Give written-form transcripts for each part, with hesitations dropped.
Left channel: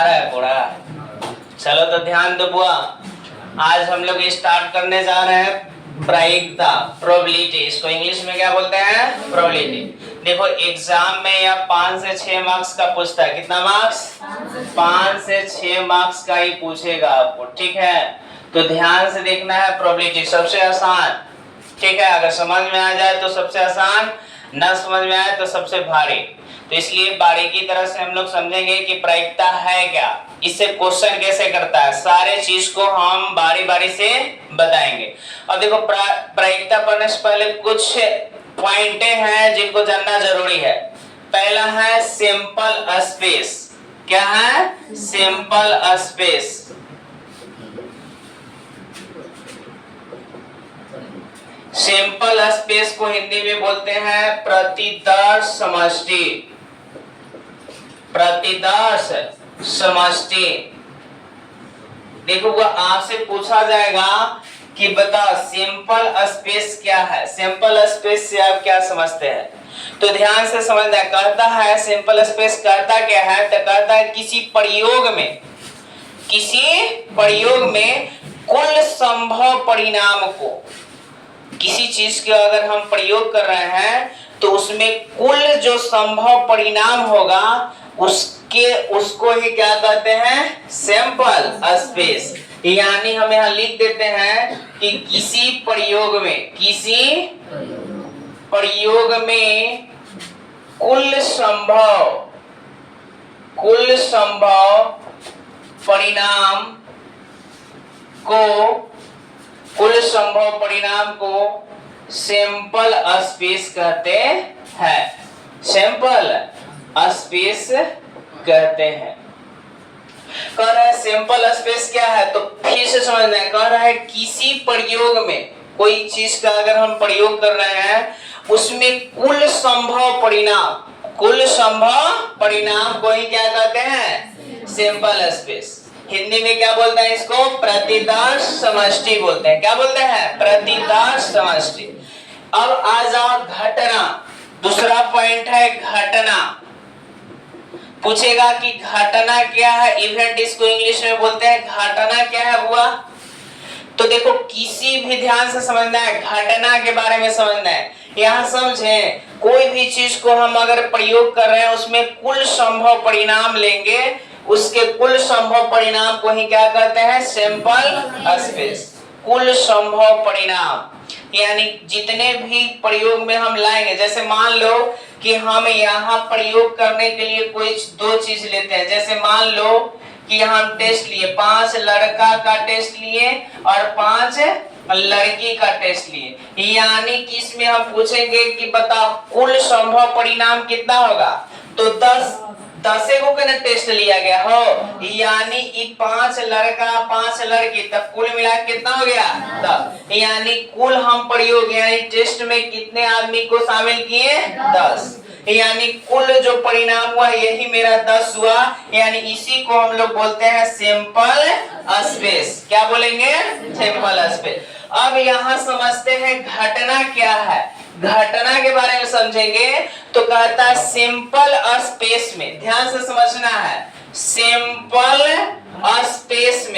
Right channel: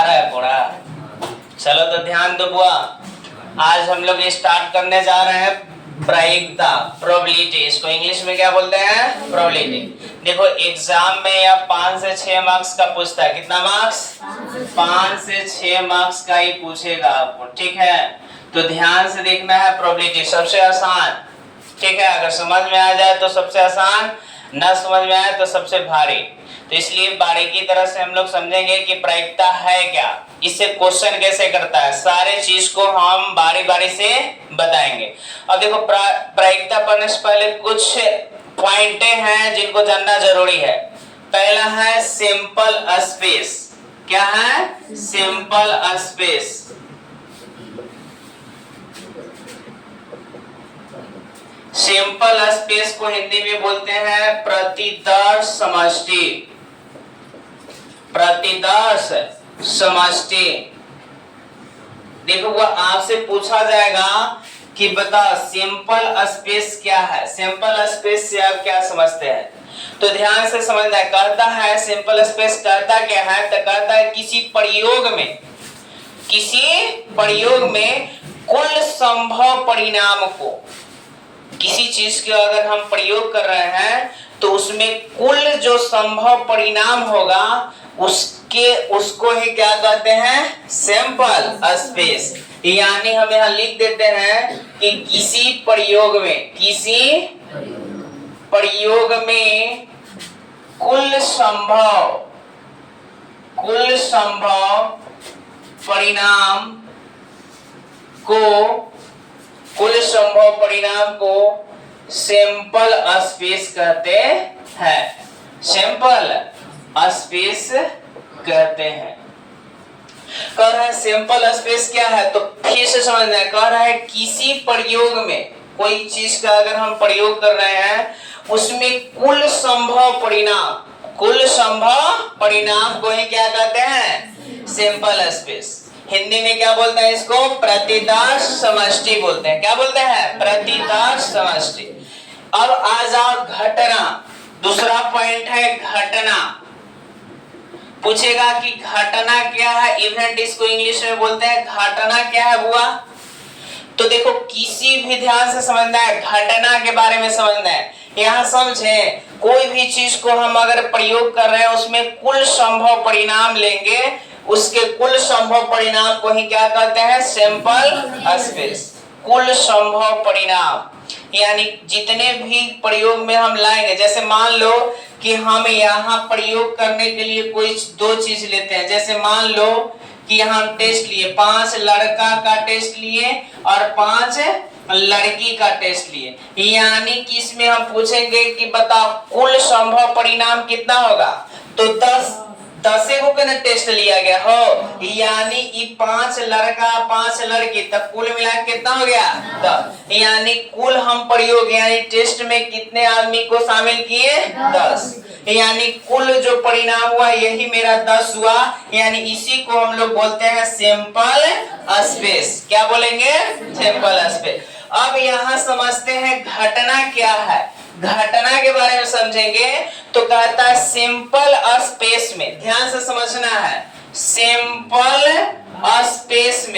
आ रहा है पूरा। चलो तो ध्यान दो बुआ, आज हम लोग स्टार्ट करने जा रहे हैं प्रायिकता, प्रोबेबिलिटी। इसको इंग्लिश में क्या बोलते हैं? प्रोबेबिलिटी। देखो एग्जाम में या 5 से 6 मार्क्स का पूछता है। कितना मार्क्स? 5 से 6 मार्क्स का ही पूछेगा आपको, ठीक है? तो ध्यान से देखना है। प्रोबेबिलिटी सबसे आसान, ठीक है? अगर समझ में आ जाए तो सबसे आसान, ना समझ में आए तो सबसे भारी। तो इसलिए बारीकी तरह से हम लोग समझेंगे कि प्रायिकता है क्या, इससे क्वेश्चन कैसे करता है, सारे चीज को हम बारी बारी से बताएंगे। अब देखो प्रायिकता पढ़ने से पहले कुछ पॉइंट हैं जिनको जानना जरूरी है। पहला है सिंपल स्पेस। क्या है? Simple space. सिंपल स्पेस को हिंदी में बोलते हैं प्रतिदर्श समष्टि। प्रतिदर्श समष्टि। देखो वो आपसे पूछा जाएगा कि बताओ सिंपल स्पेस क्या है। सिंपल स्पेस से आप क्या समझते हैं? तो ध्यान से समझना है। कहता है सिंपल स्पेस करता क्या है? तो कहता है किसी प्रयोग में कुल संभव परिणाम को, किसी चीज के अगर हम प्रयोग कर रहे हैं तो उसमें कुल जो संभव परिणाम होगा उसको ही क्या कहते हैं? Sample space. यानी हम यहां लिख देते हैं कि किसी प्रयोग में कुल संभव परिणाम को सैंपल स्पेस कहते हैं। सैंपल स्पेस कहते हैं। कह रहा है सैंपल स्पेस क्या है? तो फिर से समझना है। कह रहा है किसी प्रयोग में, कोई चीज का अगर हम प्रयोग कर रहे हैं उसमें कुल संभव परिणाम को ही क्या कहते हैं? Sample space. हिंदी में क्या बोलते हैं इसको? प्रतिदर्श समष्टि बोलते हैं। क्या बोलते हैं? प्रतिदर्श समष्टि। अब आ जाओ घटना। दूसरा पॉइंट है घटना। पूछेगा कि घटना क्या है? इवेंट इसको इंग्लिश में बोलते हैं। घटना क्या है बुआ? तो देखो किसी भी, ध्यान से समझना है, घटना के बारे में समझना है। यहाँ समझे, कोई भी चीज को हम अगर प्रयोग कर रहे हैं उसमें कुल संभव परिणाम लेंगे, उसके कुल संभव परिणाम को ही क्या कहते हैं? Sample space. कुल संभव परिणाम यानी जितने भी प्रयोग में हम लाएंगे, जैसे मान लो कि हम यहाँ प्रयोग करने के लिए कोई दो चीज लेते हैं। जैसे मान लो कि यहाँ हम टेस्ट लिए, 5 लड़का का टेस्ट लिए और 5 लड़की का टेस्ट लिए। यानी कि इसमें हम पूछेंगे कि बताओ कुल संभव परिणाम कितना होगा? तो 10 को कितना टेस्ट लिया गया हो, यानी 5 लड़का 5 लड़की, तब कुल मिला कितना हो गया? 10। यानी कुल हम प्रयोग यानी टेस्ट में कितने आदमी को शामिल किए? 10। यानी कुल जो परिणाम हुआ यही मेरा 10 हुआ। यानी इसी को हम लोग बोलते हैं सैंपल स्पेस। क्या बोलेंगे? Sample space. अब यहाँ समझते हैं घटना क्या है। घटना के बारे में समझेंगे तो कहता है सिंपल स्पेस में, ध्यान से समझना है, सिंपल स्पेस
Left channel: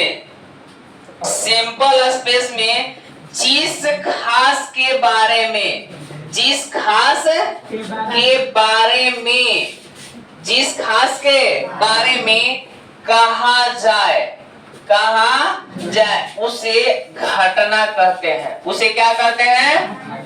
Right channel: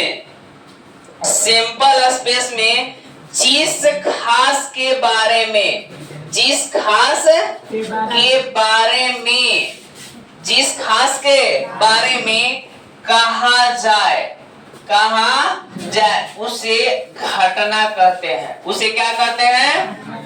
में जिस घास के बारे में कहा जाए उसे घटना कहते हैं। उसे क्या कहते हैं?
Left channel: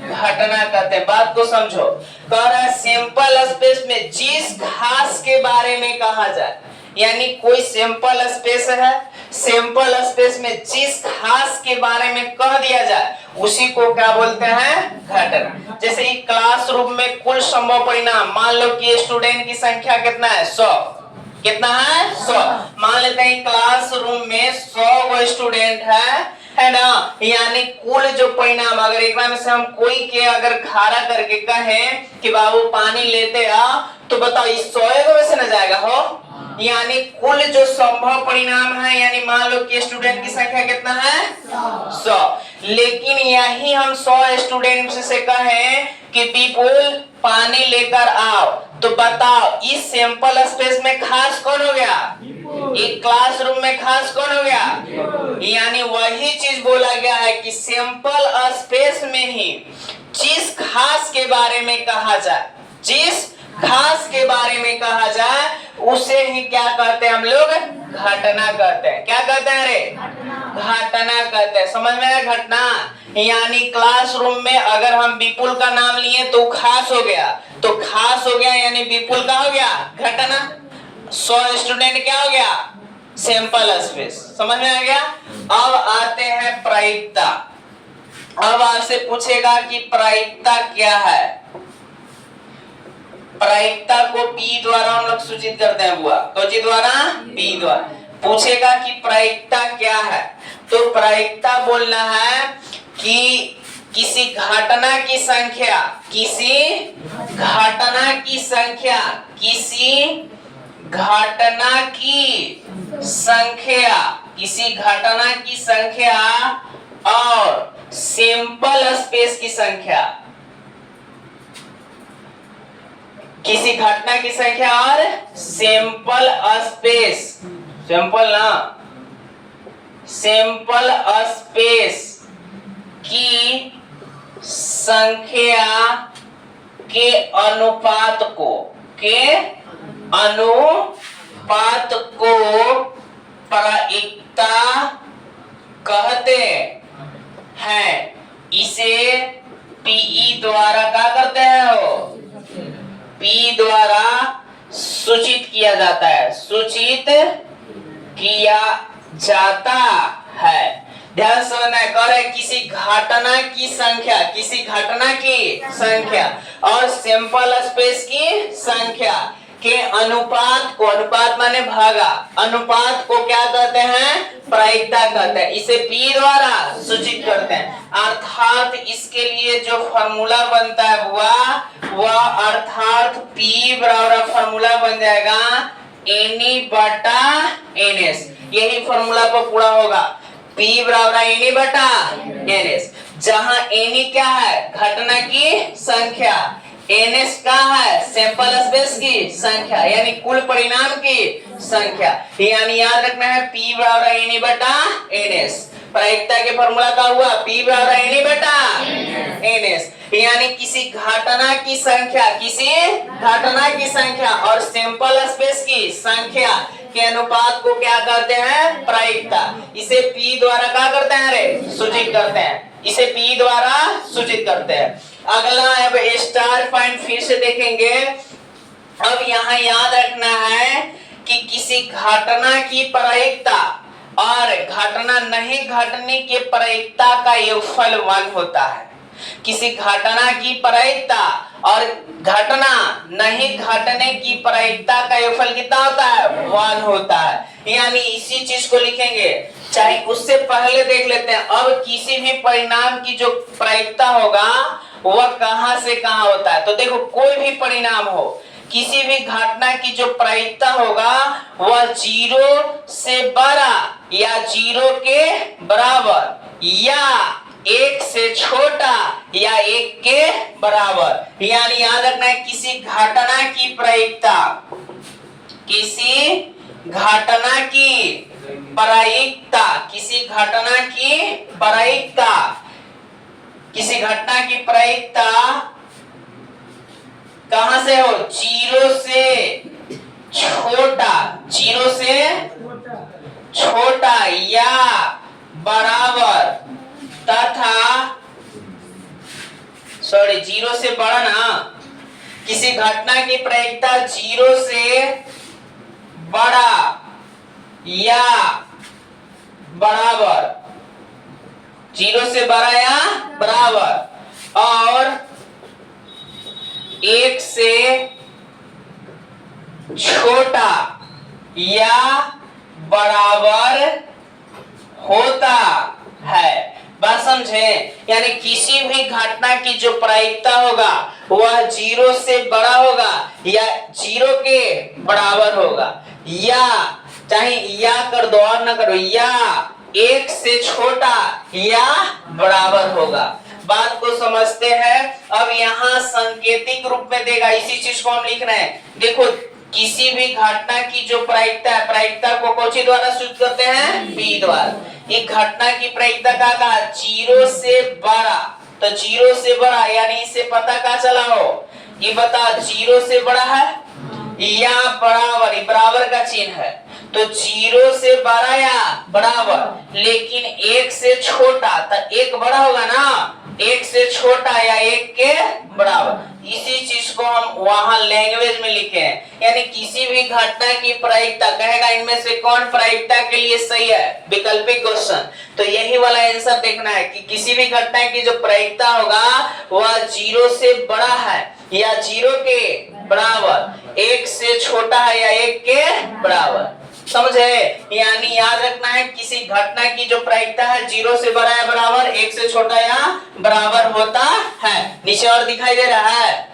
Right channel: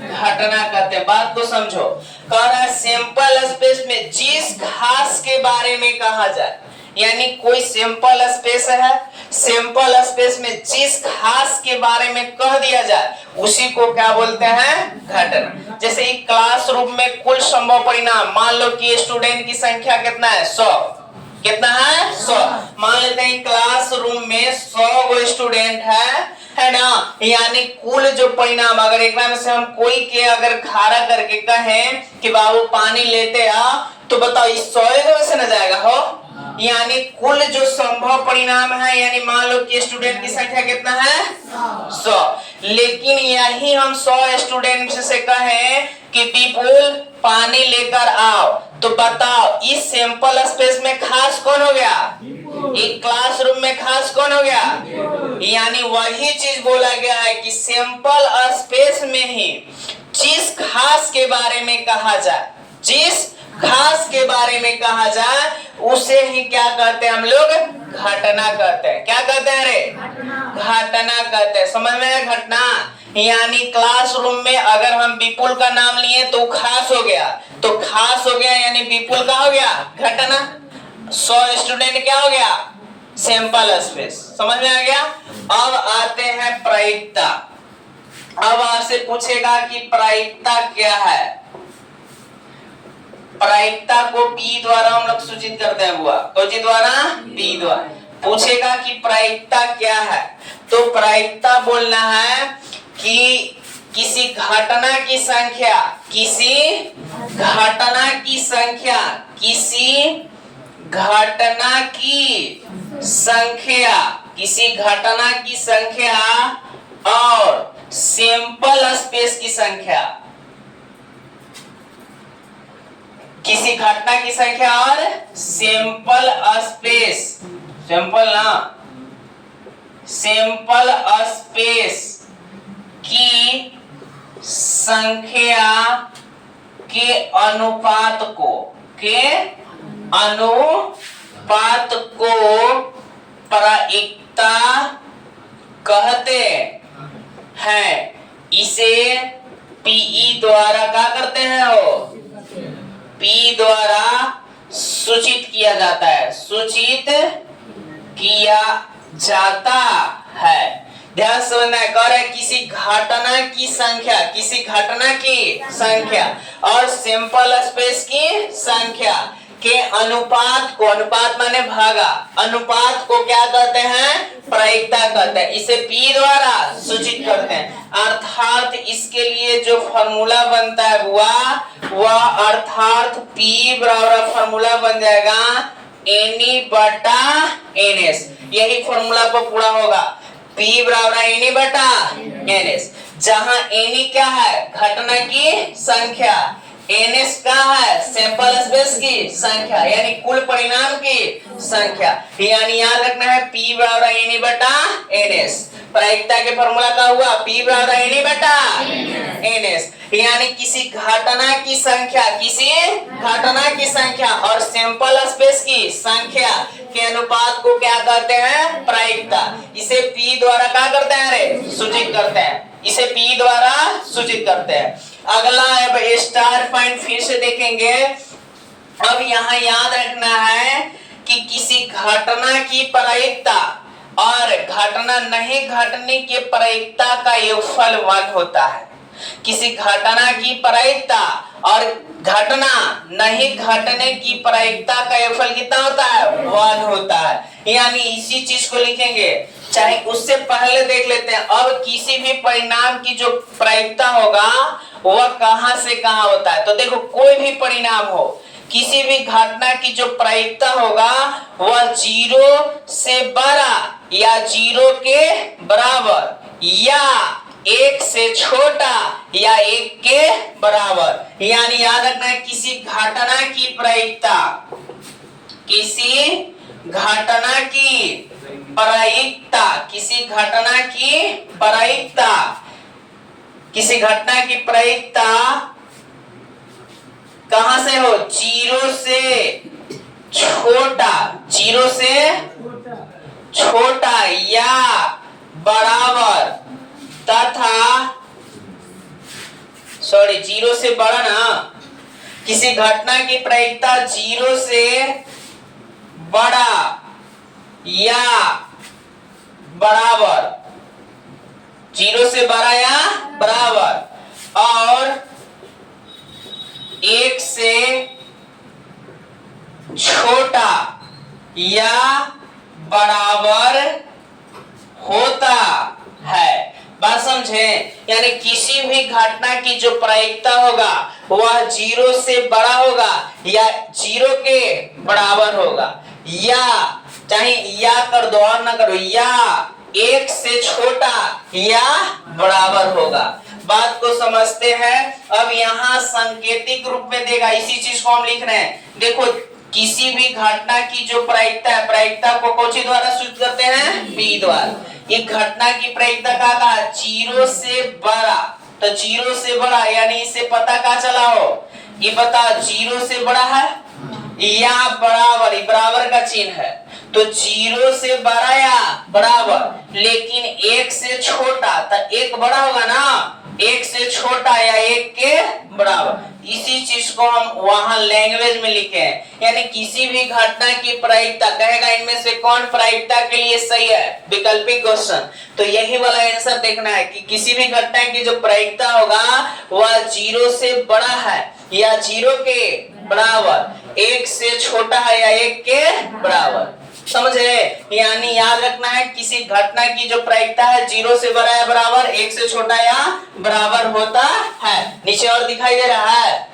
घटना कहते हैं। बात को समझो। कह रहा है सैंपल स्पेस में जिस घास के बारे में कहा जाए, यानी कोई सैंपल स्पेस है, सैंपल स्पेस में जिस घास के बारे में कह दिया जाए उसी को क्या बोलते हैं? घटना। जैसे एक क्लासरूम में कुल संभव परिणाम, मान लो कि स्टूडेंट की संख्या कितना है? 100। कितना है? 100। मान लेते हैं क्लासरूम में 100 स्टूडेंट है ना? यानी कुल जो परिणाम, अगर एक बार से हम कोई के अगर खड़ा करके कहें कि बाबू पानी लेते आ, तो बताओ इस 100 में से न जाएगा हो? यानी कुल जो संभव परिणाम है, यानी मान लो कि स्टूडेंट की संख्या कितना है? 100। लेकिन यही हम 100 स्टूडेंट से कहें कि पीपुल पानी लेकर आओ, तो बताओ इस सैंपल स्पेस में खास कौन हो गया? एक क्लासरूम में खास कौन हो गया? यानी वही चीज बोला गया है कि सैंपल स्पेस में ही जिस खास के बारे में कहा जाए, जिस खास के बारे में कहा जाए उसे ही क्या कहते हैं हम लोग? घटना कहते हैं। क्या कहते हैं रे? घटना कहते हैं। समझ में आया? घटना यानी क्लासरूम में अगर हम विपुल का नाम लिए तो खास हो गया, तो खास हो गया यानी विपुल का हो गया घटना। 100 स्टूडेंट क्या हो गया? Sample space. समझ में आ गया? अब आते हैं प्रायिकता। अब आपसे पूछेगा कि प्रायिकता क्या है। प्रायिकता को P द्वारा हम लोग सूचित करते हैं बुआ। कौन द्वारा? P द्वारा। पूछेगा कि प्रायिकता क्या है, तो प्रायिकता बोलना है कि किसी घटना की संख्या, किसी घटना की संख्या, किसी घटना की संख्या, किसी घटना की संख्या और सैंपल स्पेस की संख्या, किसी घटना की संख्या और सैंपल स्पेस, सैंपल ना, सैंपल स्पेस की संख्या के अनुपात को, के अनुपात को प्रायिकता कहते हैं। इसे पीई द्वारा क्या करते हैं? हो पी द्वारा सूचित किया जाता है, सूचित किया जाता है। ध्यान से समझना है। कह रहे किसी घटना की संख्या, किसी घटना की संख्या और सैंपल स्पेस की संख्या के अनुपात को, अनुपात माने भागा, अनुपात को क्या कहते हैं? प्रायिकता कहते हैं। इसे P द्वारा सूचित करते हैं। अर्थात इसके लिए जो फॉर्मूला बनता है वह अर्थात P बराबर फॉर्मूला बन जाएगा N बटा NS। यही फॉर्मूला पर पूरा होगा। P बराबर N बटा NS, जहां N क्या है? घटना की संख्या, NS का है सैंपल स्पेस की संख्या यानी कुल परिणाम की संख्या। यानी याद रखना है P बराबर N बटा NS। प्रायिकता के फॉर्मूला का हुआ P बराबर N बटा NS। यानी किसी घटना की संख्या, किसी घटना की संख्या और सैंपल स्पेस की संख्या के अनुपात को क्या कहते हैं? प्रायिकता। इसे P द्वारा क्या करते हैं रे? सूचित करते हैं। इसे P द्वारा सूचित करते हैं। अगला अब स्टार पॉइंट फिर से देखेंगे। अब यहाँ याद रखना है कि किसी घटना की प्रायिकता और घटना नहीं घटने के प्रायिकता का योगफल 1 होता है। किसी घटना की प्रायिकता और घटना नहीं घटने की प्रायिकता का योगफल कितना होता है? 1 होता है। यानी इसी चीज को लिखेंगे। चाहे उससे पहले देख लेते हैं। अब किसी भी परिणाम की जो प्रायिकता होगा वह कहां से कहां होता है। तो देखो कोई भी परिणाम हो, किसी भी घटना की जो प्रायिकता होगा वह 0 से बड़ा या 0 के बराबर या 1 से छोटा या 1 के बराबर। यानी याद रखना है किसी घटना की प्रायिकता, किसी घटना की प्रायिकता, किसी घटना की प्रायिकता, किसी घटना की प्रायिकता कहां से हो? 0 से छोटा, 0 से छोटा या बराबर तथा 0 से बड़ा ना, किसी घटना की प्रायिकता 0 से बड़ा या बराबर, 0 से बड़ा या बराबर और 1 से छोटा या बराबर होता है। बात समझे? यानी किसी भी घटना की जो प्रायिकता होगा वह 0 से बड़ा होगा या 0 के बराबर होगा, या चाहे या कर दो और ना करो, या 1 से छोटा या बराबर होगा। बात को समझते हैं। अब यहाँ सांकेतिक रूप में देगा, इसी चीज को हम लिख रहे हैं। देखो किसी भी घटना की जो प्रायिकता है, प्रायिकता को कौन सी द्वारा सूचित करते हैं? बी द्वारा। ये घटना की प्रायिकता का कहा 0 से बड़ा, तो 0 से बड़ा यानी इसे पता क्या चला हो, ये पता 0 से बड़ा है या बराबर, बराबर का चिन्ह है, तो 0 से बड़ा या बराबर, लेकिन 1 से छोटा, तो 1 बड़ा होगा ना, 1 से छोटा या 1 के बराबर। इसी चीज को हम वहां लैंग्वेज में लिखे हैं, यानी किसी भी घटना की प्रायिकता, कहेगा इनमें से कौन प्रायिकता के लिए सही है, वैकल्पिक क्वेश्चन, तो यही वाला आंसर देखना है कि किसी भी घटना की जो प्रायिकता होगा वह 0 से बड़ा है या 0 के बराबर, 1 से छोटा है या 1 के बराबर, समझे? यानी याद रखना है किसी घटना की जो प्रायिकता है 0 से बड़ा या बराबर, 1 से छोटा या बराबर होता है। नीचे और दिखाई दे रहा है।